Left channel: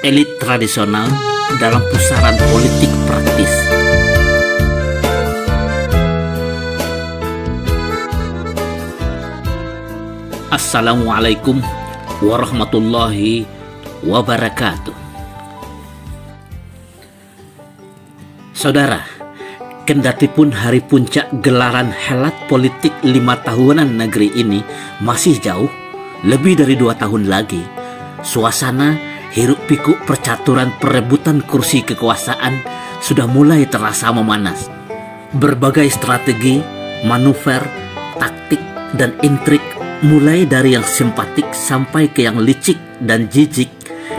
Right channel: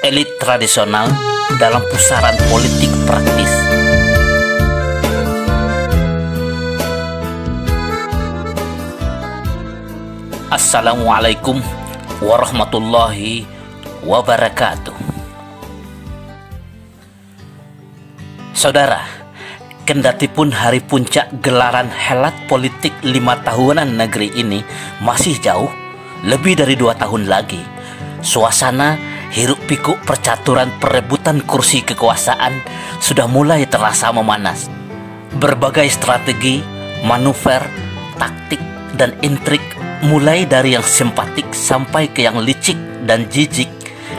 elit tradisional dalam pusaran politik praktis. Assalamualaikum warahmatullahi wabarakatuh. Saudara, kendatipun hari puncak gelaran helat politik 5 tahunan negeri ini masih jauh, lebih dari 2 tahun lagi, suasana hiruk pikuk percaturan perebutan kursi kekuasaan sudah mulai terasa memanas. Berbagai strategi, manuver, taktik, dan intrik mulai dari yang simpatik sampai ke yang licik dan jijik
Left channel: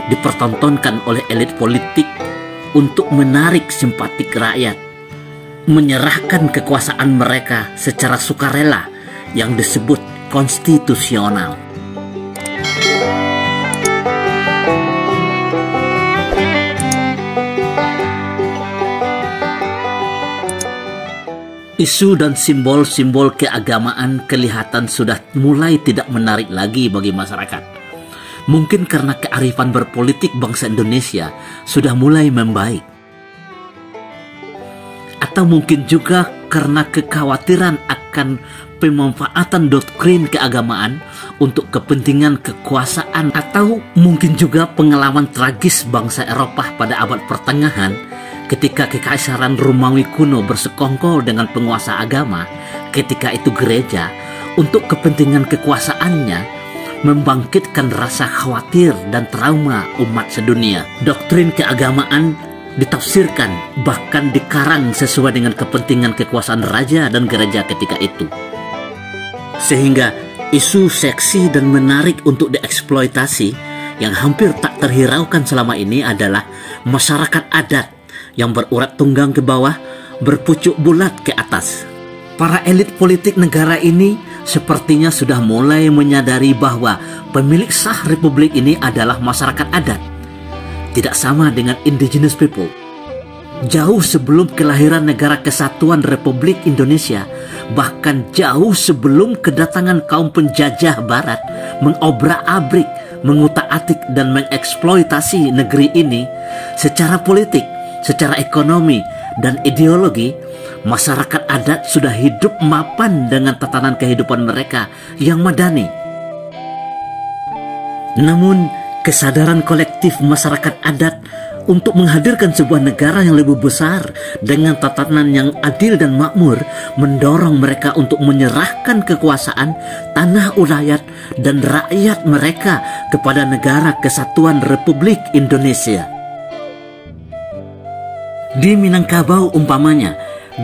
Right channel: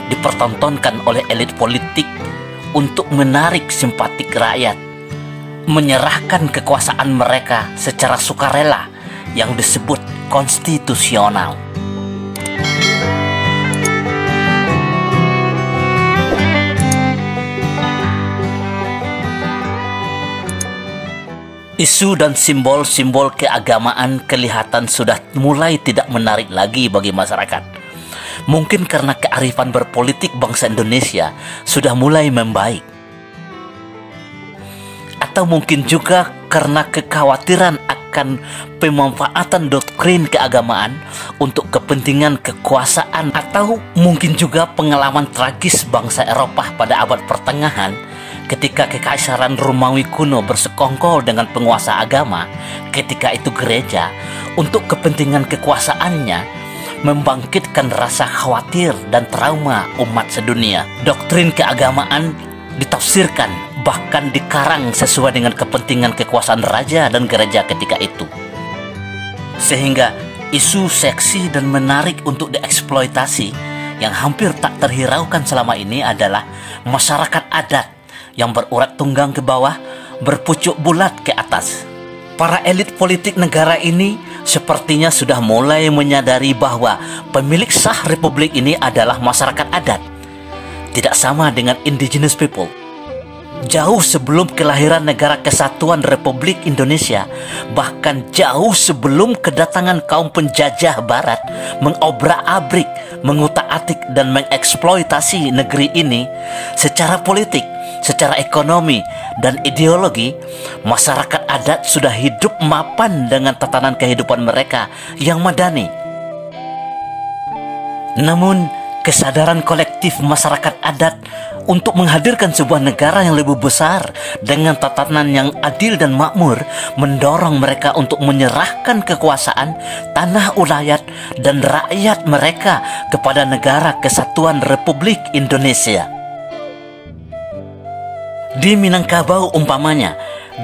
dipertontonkan oleh elit politik untuk menarik simpatik rakyat, menyerahkan kekuasaan mereka secara sukarela yang disebut konstitusional. Isu dan simbol-simbol keagamaan kelihatan sudah mulai tidak menarik lagi bagi masyarakat. Mungkin karena kearifan berpolitik bangsa Indonesia sudah mulai membaik. Atau mungkin juga karena kekhawatiran akan pemanfaatan doktrin keagamaan untuk kepentingan kekuasaan. Atau mungkin juga pengalaman tragis bangsa Eropa pada abad pertengahan ketika kekaisaran Romawi kuno bersekongkol dengan penguasa agama, ketika itu gereja, untuk kepentingan kekuasaannya, membangkitkan rasa khawatir dan trauma umat sedunia. Doktrin keagamaan ditafsirkan, bahkan dikarang sesuai dengan kepentingan kekuasaan raja dan gereja ketika itu. Sehingga isu seksi dan menarik untuk dieksploitasi yang hampir tak terhiraukan selama ini adalah masyarakat adat yang berurat tunggang ke bawah, berpucuk bulat ke atas. Para elit politik negara ini sepertinya sudah mulai menyadari bahwa pemilik sah republik ini adalah masyarakat adat, tidak sama dengan indigenous people. Jauh sebelum kelahiran Negara Kesatuan Republik Indonesia, bahkan jauh sebelum kedatangan kaum penjajah barat mengobrak-abrik, mengutak-atik dan mengeksploitasi negeri ini secara politik, secara ekonomi, dan ideologi, masyarakat adat sudah hidup mapan dengan tatanan kehidupan mereka yang madani. Namun, kesadaran kolektif masyarakat adat untuk menghadirkan sebuah negara yang lebih besar dengan tatanan yang adil dan makmur mendorong mereka untuk menyerahkan kekuasaan, tanah ulayat, dan rakyat mereka kepada Negara Kesatuan Republik Indonesia. Di Minangkabau umpamanya,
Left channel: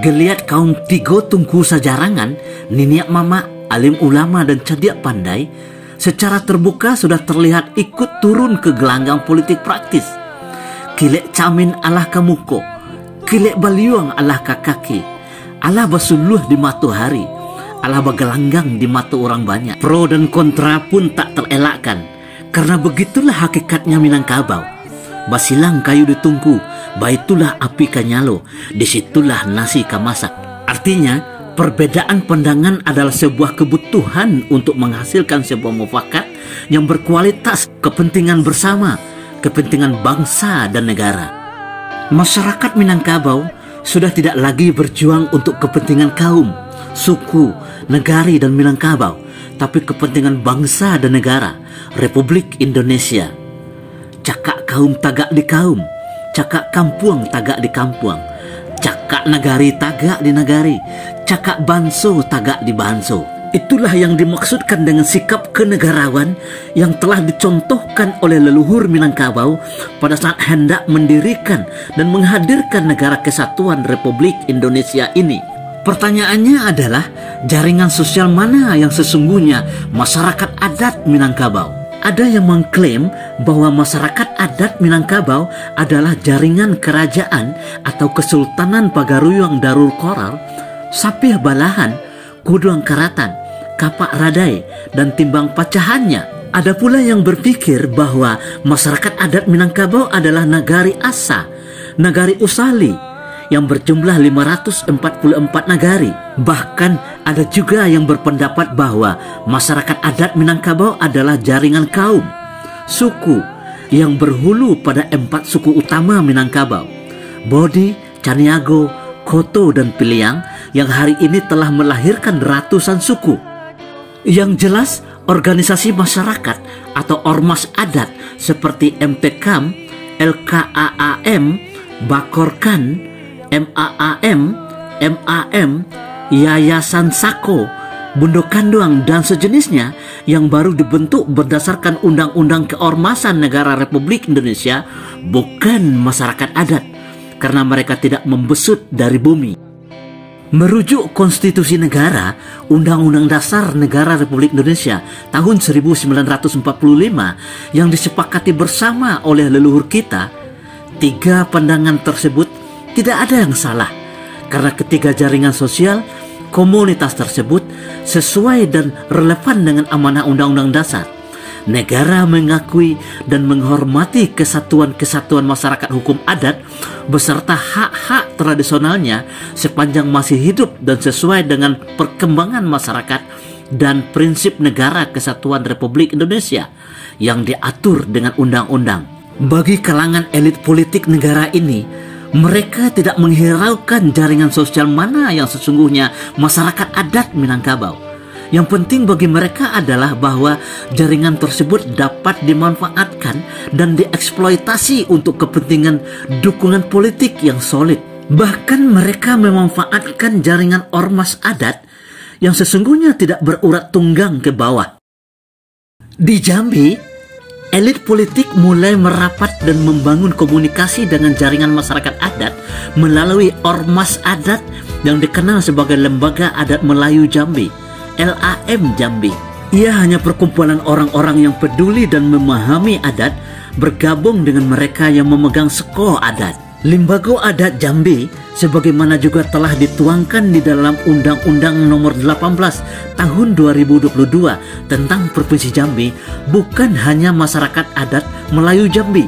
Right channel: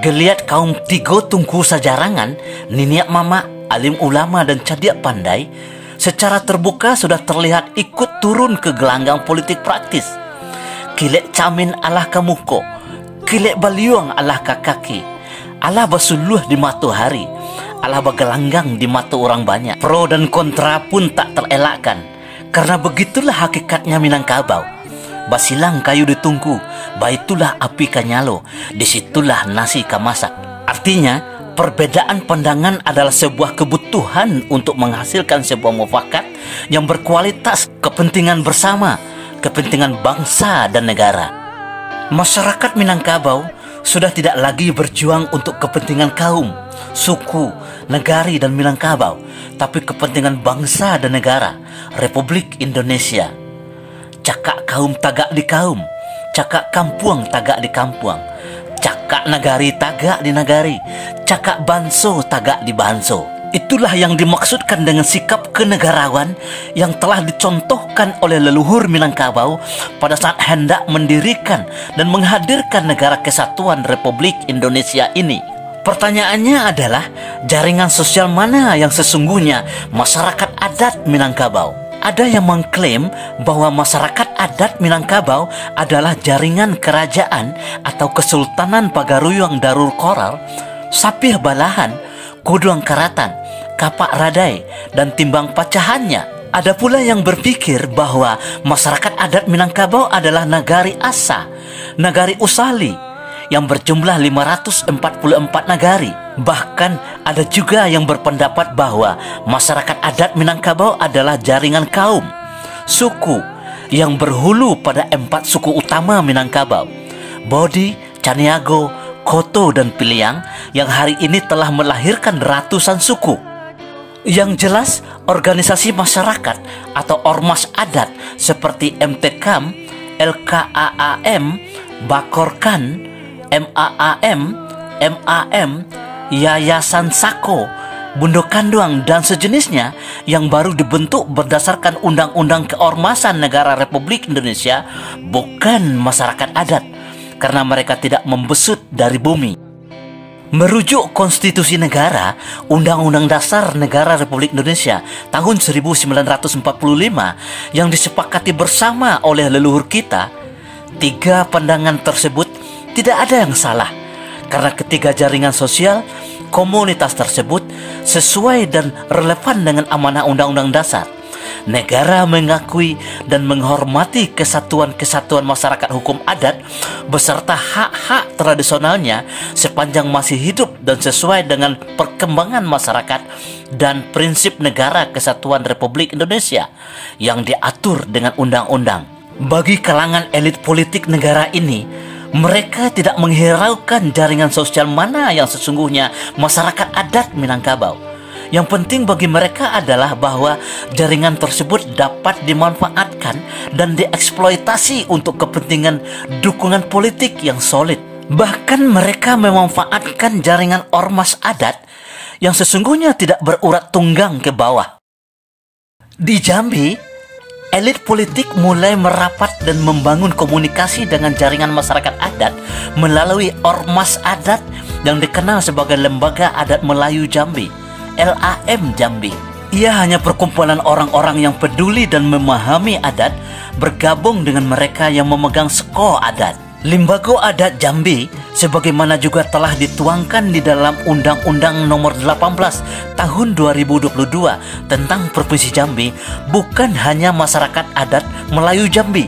geliat kaum Tigo Tungku Sajarangan, Niniak Mama, alim ulama dan cadiak pandai secara terbuka sudah terlihat ikut turun ke gelanggang politik praktis. Kilek camin alah kamuko, kilek baliuang alah kakaki, alah basuluh di mata hari, alah bagelanggang di mata orang banyak. Pro dan kontra pun tak terelakkan, karena begitulah hakikatnya Minangkabau. Basilang kayu ditungku, baitulah api kanyalo, disitulah nasi kamasak. Artinya, perbedaan pandangan adalah sebuah kebutuhan untuk menghasilkan sebuah mufakat yang berkualitas, kepentingan bersama, kepentingan bangsa dan negara. Masyarakat Minangkabau sudah tidak lagi berjuang untuk kepentingan kaum, suku, negari dan Minangkabau, tapi kepentingan bangsa dan negara, Republik Indonesia. Cakak kaum tagak di kaum, cakak kampuang tagak di kampuang, cakak nagari tagak di nagari, cakak banso tagak di banso. Itulah yang dimaksudkan dengan sikap kenegarawan yang telah dicontohkan oleh leluhur Minangkabau pada saat hendak mendirikan dan menghadirkan Negara Kesatuan Republik Indonesia ini. Pertanyaannya adalah, jaringan sosial mana yang sesungguhnya masyarakat adat Minangkabau? Ada yang mengklaim bahwa masyarakat adat Minangkabau adalah jaringan kerajaan atau Kesultanan Pagaruyung Darul Koral, Sapih Balahan, Kuduang Karatan, Kapak Radai, dan timbang pacahannya. Ada pula yang berpikir bahwa masyarakat adat Minangkabau adalah Nagari Asa, Nagari Usali, yang berjumlah 544 nagari. Bahkan ada juga yang berpendapat bahwa masyarakat adat Minangkabau adalah jaringan kaum, suku, yang berhulu pada 4 suku utama Minangkabau, Bodi, Caniago, Koto, dan Piliang, yang hari ini telah melahirkan ratusan suku. Yang jelas, organisasi masyarakat atau ormas adat seperti MTKAM, LKAAM, Bakorkan, MAAM, MAM, Yayasan Sako, Bundo Kanduang, dan sejenisnya yang baru dibentuk berdasarkan Undang-Undang Keormasan Negara Republik Indonesia bukan masyarakat adat karena mereka tidak membesut dari bumi. Merujuk Konstitusi Negara, Undang-Undang Dasar Negara Republik Indonesia tahun 1945 yang disepakati bersama oleh leluhur kita, 3 pandangan tersebut tidak ada yang salah karena ketiga jaringan sosial komunitas tersebut sesuai dan relevan dengan amanah Undang-Undang Dasar. Negara mengakui dan menghormati kesatuan-kesatuan masyarakat hukum adat beserta hak-hak tradisionalnya sepanjang masih hidup dan sesuai dengan perkembangan masyarakat dan prinsip negara kesatuan Republik Indonesia yang diatur dengan undang-undang. Bagi kalangan elit politik negara ini, mereka tidak menghiraukan jaringan sosial mana yang sesungguhnya masyarakat adat Minangkabau. Yang penting bagi mereka adalah bahwa jaringan tersebut dapat dimanfaatkan dan dieksploitasi untuk kepentingan dukungan politik yang solid. Bahkan mereka memanfaatkan jaringan ormas adat yang sesungguhnya tidak berurat tunggang ke bawah. Di Jambi, elit politik mulai merapat dan membangun komunikasi dengan jaringan masyarakat adat melalui ormas adat yang dikenal sebagai Lembaga Adat Melayu Jambi, LAM Jambi. Ia hanya perkumpulan orang-orang yang peduli dan memahami adat bergabung dengan mereka yang memegang seko adat. Limbago Adat Jambi sebagaimana juga telah dituangkan di dalam Undang-Undang Nomor 18 Tahun 2022 tentang Provinsi Jambi bukan hanya masyarakat adat Melayu Jambi,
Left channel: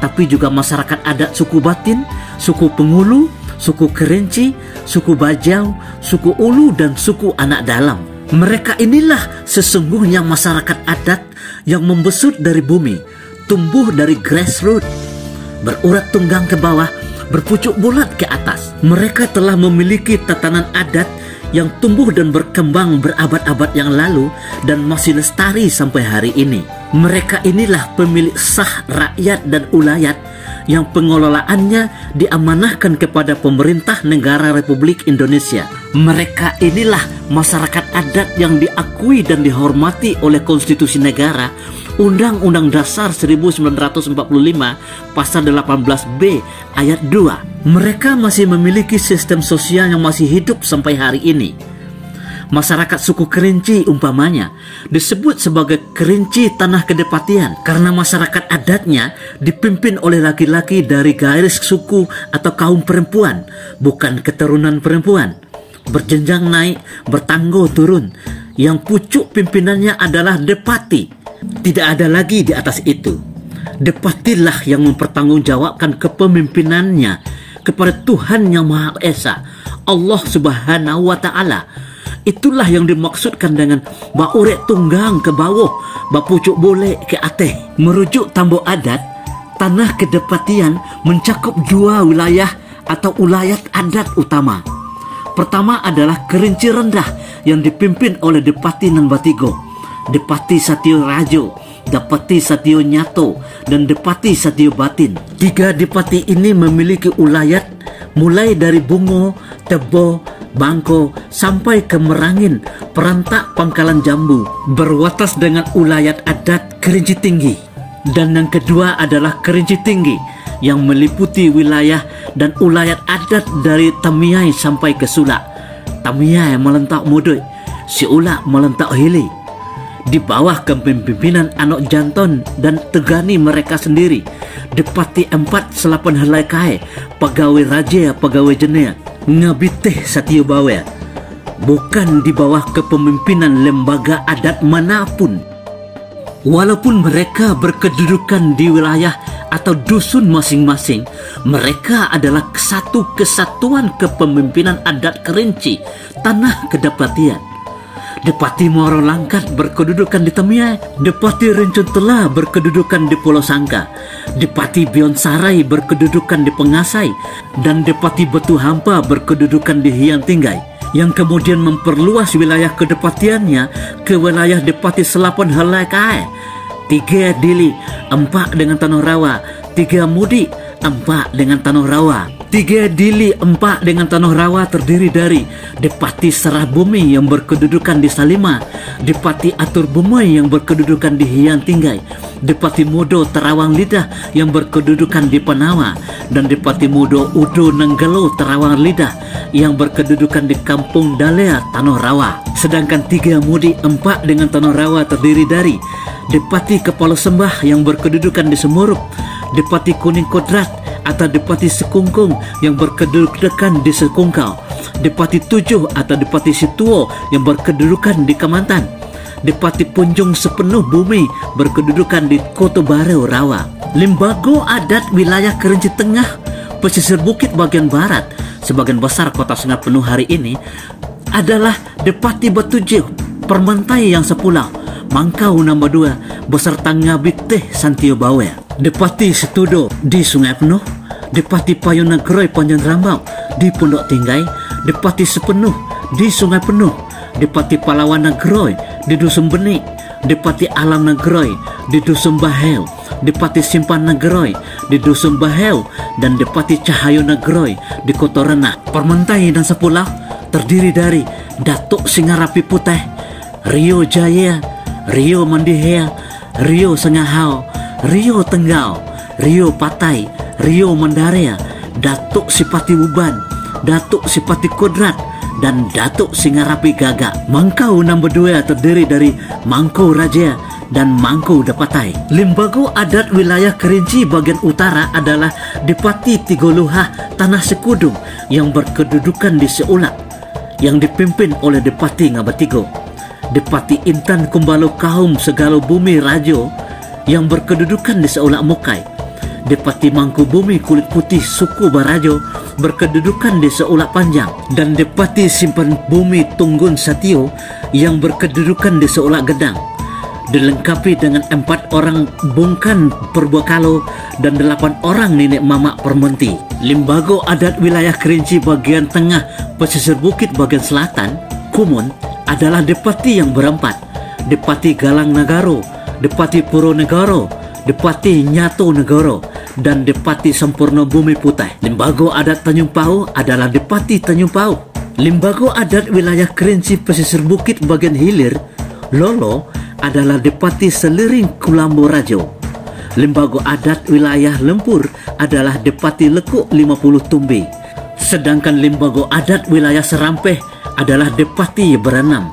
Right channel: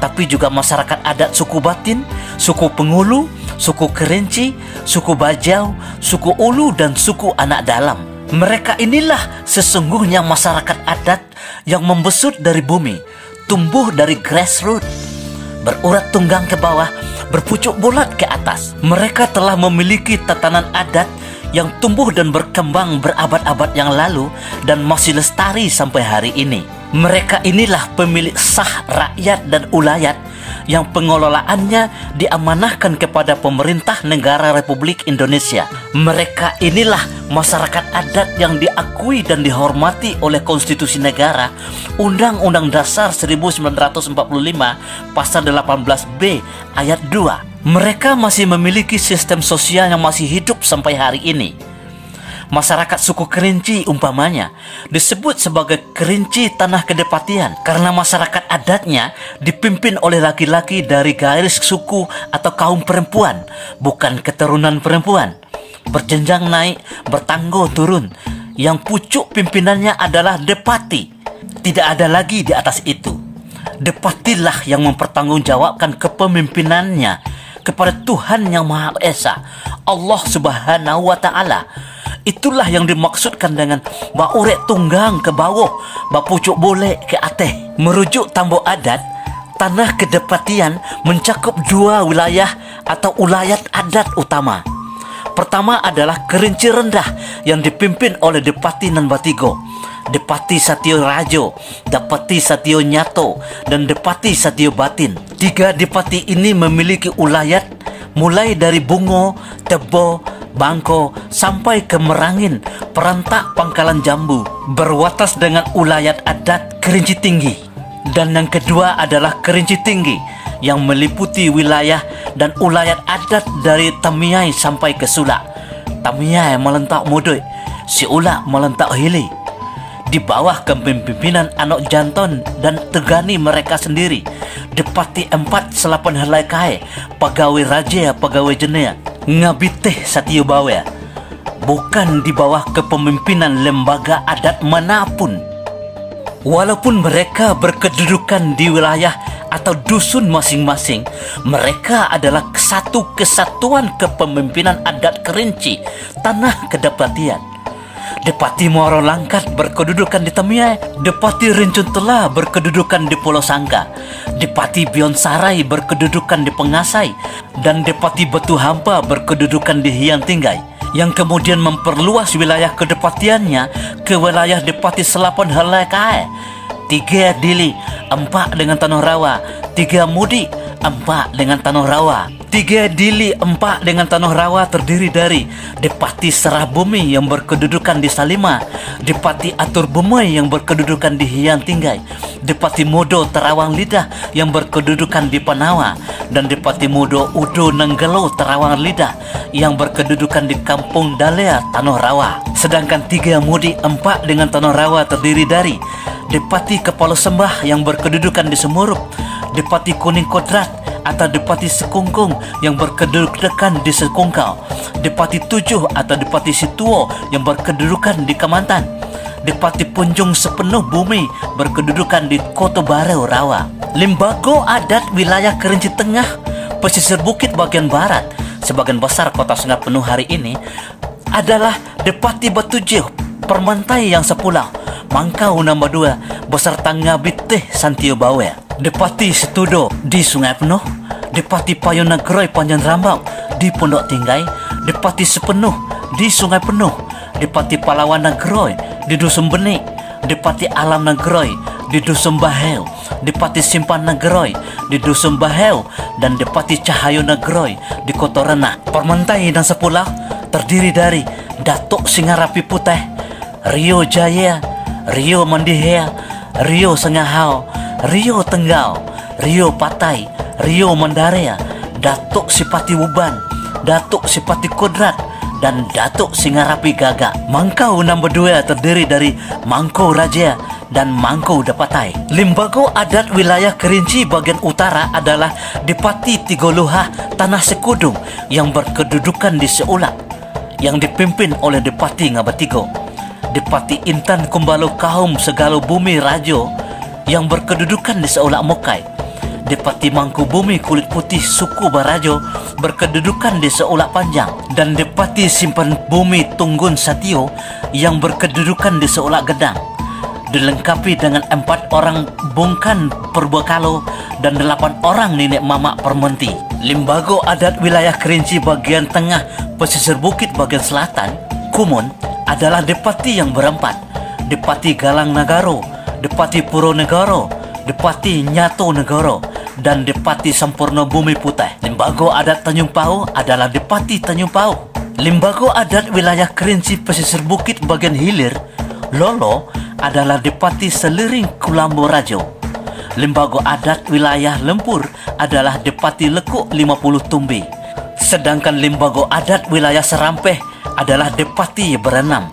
tapi juga masyarakat adat suku Batin, suku Pengulu, suku Kerinci, suku Bajau, suku Ulu, dan suku Anak Dalam. Mereka inilah sesungguhnya masyarakat adat yang membesut dari bumi, tumbuh dari grassroots, berurat tunggang ke bawah, berpucuk bulat ke atas. Mereka telah memiliki tatanan adat yang tumbuh dan berkembang berabad-abad yang lalu dan masih lestari sampai hari ini. Mereka inilah pemilik sah rakyat dan ulayat yang pengelolaannya diamanahkan kepada pemerintah negara Republik Indonesia. Mereka inilah masyarakat adat yang diakui dan dihormati oleh Konstitusi Negara, Undang-Undang Dasar 1945 Pasal 18B Ayat 2. Mereka masih memiliki sistem sosial yang masih hidup sampai hari ini. Masyarakat suku Kerinci umpamanya disebut sebagai Kerinci Tanah Kedepatian karena masyarakat adatnya dipimpin oleh laki-laki dari garis suku atau kaum perempuan, bukan keturunan perempuan. Berjenjang naik, bertanggo turun. Yang pucuk pimpinannya adalah Depati. Tidak ada lagi di atas itu. Depatilah yang mempertanggungjawabkan kepemimpinannya kepada Tuhan Yang Maha Esa, Allah Subhanahu wa Ta'ala. Itulah yang dimaksudkan dengan baurek tunggang ke bawah, bapucuk boleh ke atas. Merujuk Tambo Adat, tanah kedepatian mencakup 2 wilayah atau ulayat adat utama. Pertama adalah Kerinci Rendah yang dipimpin oleh Depati Nanbatigo, Depati Satyo Rajo, Depati Satyo Nyato, dan Depati Satyo Batin. 3 depati ini memiliki ulayat mulai dari Bungo, Tebo, Bangko sampai ke Merangin, Perantak, Pangkalan Jambu, berwatas dengan ulayat adat Kerinci Tinggi. Dan yang kedua adalah Kerinci Tinggi yang meliputi wilayah dan ulayat adat dari Tamiai sampai ke Sulak. Tamiai melentak Modoi, si Ulak melentak Hili. Di bawah kepemimpinan Anok Janton dan Tegani mereka sendiri, Depati 4 Selapan Helai Kai, Pegawai Raja, Pegawai Jenea, Ngabiteh Satyo Bawe, bukan di bawah kepemimpinan lembaga adat manapun. Walaupun mereka berkedudukan di wilayah atau dusun masing-masing, mereka adalah satu kesatuan kepemimpinan adat Kerinci, Tanah Kedepatian. Depati Muaro Langkat berkedudukan di Temiai, Depati Rencun Telah berkedudukan di Pulau Sangka, Depati Bion Sarai berkedudukan di Pengasai, dan Depati Batu Hampa berkedudukan di Hiang Tinggai, yang kemudian memperluas wilayah kedepatiannya ke wilayah Depati Selapon Helai Kae. 3 Dili, 4 dengan Tanah Rawa, 3 Mudik, 4 dengan Tanah Rawa. 3 Dili 4 dengan Tanah Rawa terdiri dari Depati Serah Bumi yang berkedudukan di Salima, Depati Atur Bumai yang berkedudukan di Hiang Tinggai, Depati Modo Terawang Lidah yang berkedudukan di Panawa, dan Depati Modo Udo Nenggelo Terawang Lidah yang berkedudukan di Kampung Dalea Tanah Rawa. Sedangkan 3 Mudik 4 dengan Tanah Rawa terdiri dari Depati Kepala Sembah yang berkedudukan di Semurup, Depati Kuning Kodrat atau Depati Sekungkung yang berkedudukan di Sekungkau, Depati Tujuh atau Depati Situo yang berkedudukan di Kemantan, Depati Punjung Sepenuh Bumi berkedudukan di Kota Baru Rawa. Limbago adat wilayah Kerinci Tengah, pesisir bukit bagian barat, sebagian besar kota Sungai Penuh hari ini adalah Depati Batujuh, Permentai yang Sepulau, Mangkau Nombor 2 beserta Ngabiteh Santio Bawe, Depati Setudo di Sungai Penuh, Depati Payonagroi Panjang Rambau di Pondok Tinggai, Depati Sepenuh di Sungai Penuh, Depati Palawan Nagroi di Dusun Benik, Depati Alam Nagroi di Dusun Baheu, Depati Simpan Nagroi di Dusun Baheu, dan Depati Cahayo Nagroi di Kota Renah. Permentai dan Sepulau terdiri dari Datuk Singarapi Putih, Rio Jaya, Rio Mandihea, Rio Sengahau, Rio Tenggau, Rio Patai, Rio Mandarea, Datuk Sipati Uban, Datuk Sipati Kodrat, dan Datuk Singarapi Gagak. Mangkau Nombor 2 terdiri dari Mangkau Raja dan Mangkau Dapatai. Limbago adat wilayah Kerinci bagian utara adalah Depati Tigoloha Tanah Sekudung yang berkedudukan di Seulak, yang dipimpin oleh Depati Ngabatigo, Depati Intan Kumbalo Kaum Segalo Bumi Rajo yang berkedudukan di Seulak Mokai, Depati Mangku Bumi Kulit Putih Suku Barajo berkedudukan di Seulak Panjang, dan Depati Simpan Bumi Tunggun Satio yang berkedudukan di Seulak Gedang, dilengkapi dengan 4 orang bungkan Perbekalo dan 8 orang nenek mamak Permenti. Limbago adat wilayah Kerinci bagian tengah pesisir bukit bagian selatan, Kumun, adalah Depati yang berempat: Depati Galang Nagaro, Depati Puro Negoro, Depati Nyato Negoro, dan Depati Sampurna Bumi Putih. Limbago adat Tanjung Pau adalah Depati Tanjung Pau. Limbago adat wilayah Kerinci pesisir bukit bagian hilir, Lolo, adalah Depati Seliring Kulambo Rajo. Limbago adat wilayah Lempur adalah Depati Lekuk 50 Tumbi. Sedangkan limbago adat wilayah Serampeh adalah Depati Berenam,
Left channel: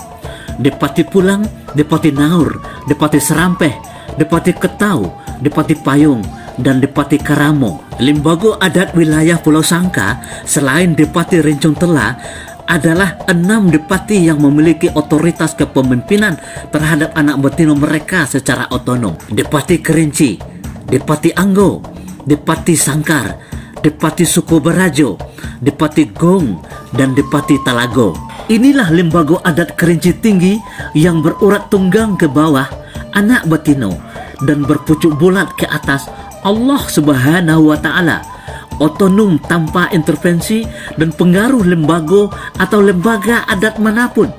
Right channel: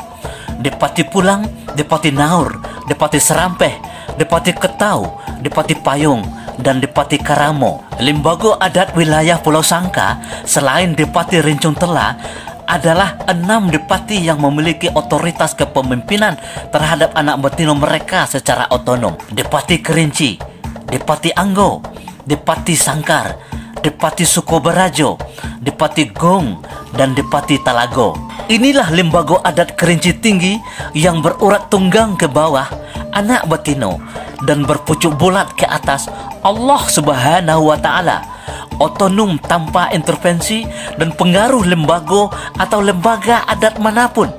Depati Pulang, Depati Naur, Depati Serampeh, Depati Ketau, Depati Payung, dan Depati Karamo. Limbago adat wilayah Pulau Sangka selain Depati Rencung Telah adalah 6 depati yang memiliki otoritas kepemimpinan terhadap anak betina mereka secara otonom: Depati Kerinci, Depati Anggo, Depati Sangkar, Depati Sukobarajo, Depati Gong, dan Depati Talago. Inilah limbago adat Kerinci Tinggi yang berurat tunggang ke bawah, anak betino, dan berpucuk bulat ke atas, Allah Subhanahu wa Ta'ala, otonom tanpa intervensi dan pengaruh lembago atau lembaga adat manapun,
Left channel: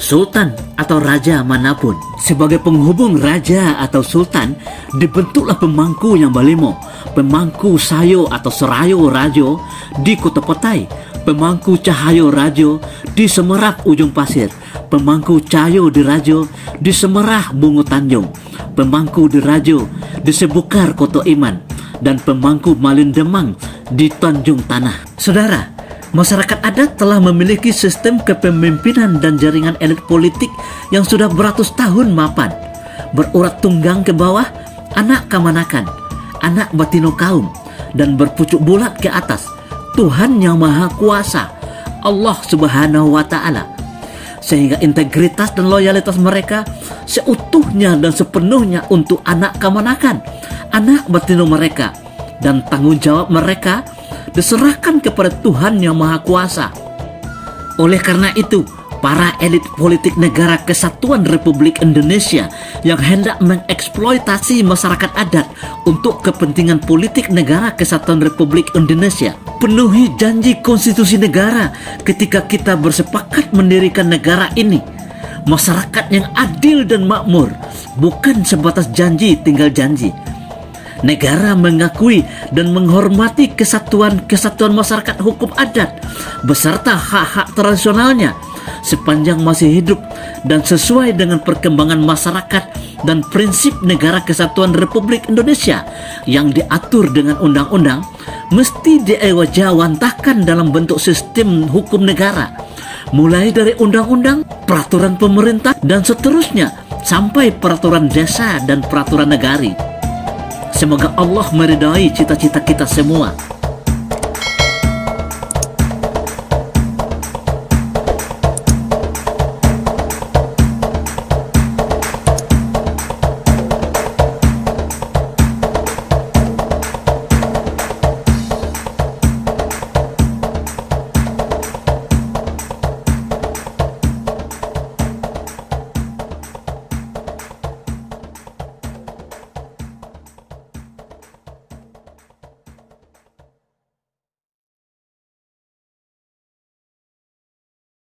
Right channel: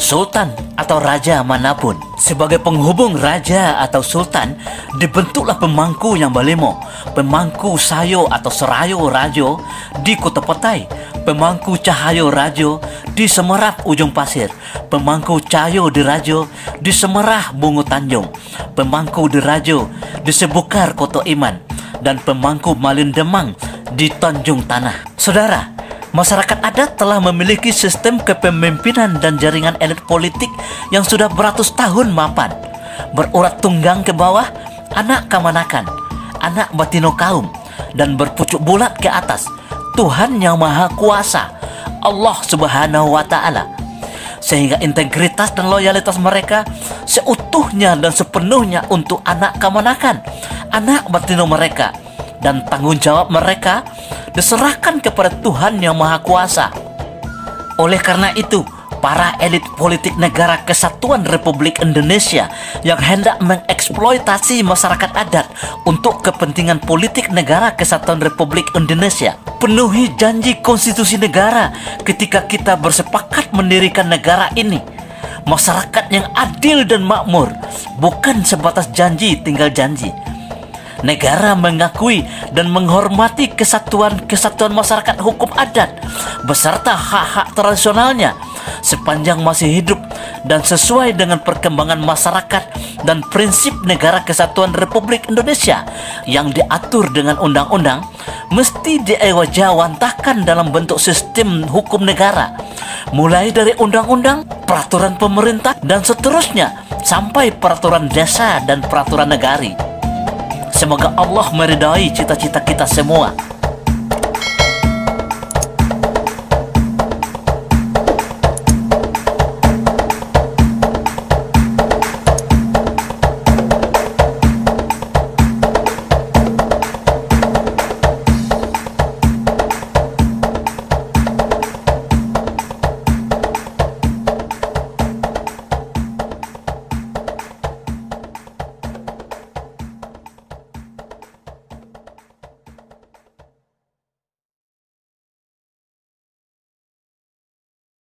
sultan atau raja manapun. Sebagai penghubung raja atau sultan, dibentuklah pemangku yang balemo, pemangku sayo atau serayo rajo di Kota Petai, pemangku cahayo rajo di Semerap Ujung Pasir, pemangku cahayo di Rajo di Semerah Bungo Tanjung, pemangku di Rajo di Sebukar Koto Iman, dan pemangku Malin Demang di Tanjung Tanah. Saudara, masyarakat adat telah memiliki sistem kepemimpinan dan jaringan elit politik yang sudah beratus tahun mapan, berurat tunggang ke bawah, anak kamanakan, anak batino kaum, dan berpucuk bulat ke atas, Tuhan yang Maha Kuasa, Allah Subhanahu wa Ta'ala, sehingga integritas dan loyalitas mereka seutuhnya dan sepenuhnya untuk anak kamanakan, anak batino mereka, dan tanggung jawab mereka diserahkan kepada Tuhan yang Maha Kuasa. Oleh karena itu, para elit politik negara Kesatuan Republik Indonesia yang hendak mengeksploitasi masyarakat adat untuk kepentingan politik negara Kesatuan Republik Indonesia. Penuhi janji konstitusi negara ketika kita bersepakat mendirikan negara ini. Masyarakat yang adil dan makmur, bukan sebatas janji tinggal janji. Negara mengakui dan menghormati kesatuan masyarakat hukum adat beserta hak-hak tradisionalnya sepanjang masih hidup dan sesuai dengan perkembangan masyarakat dan prinsip negara Kesatuan Republik Indonesia yang diatur dengan undang-undang, mesti diewajawantahkan dalam bentuk sistem hukum negara, mulai dari undang-undang, peraturan pemerintah, dan seterusnya sampai peraturan desa dan peraturan negari. Semoga Allah meridai cita-cita kita semua.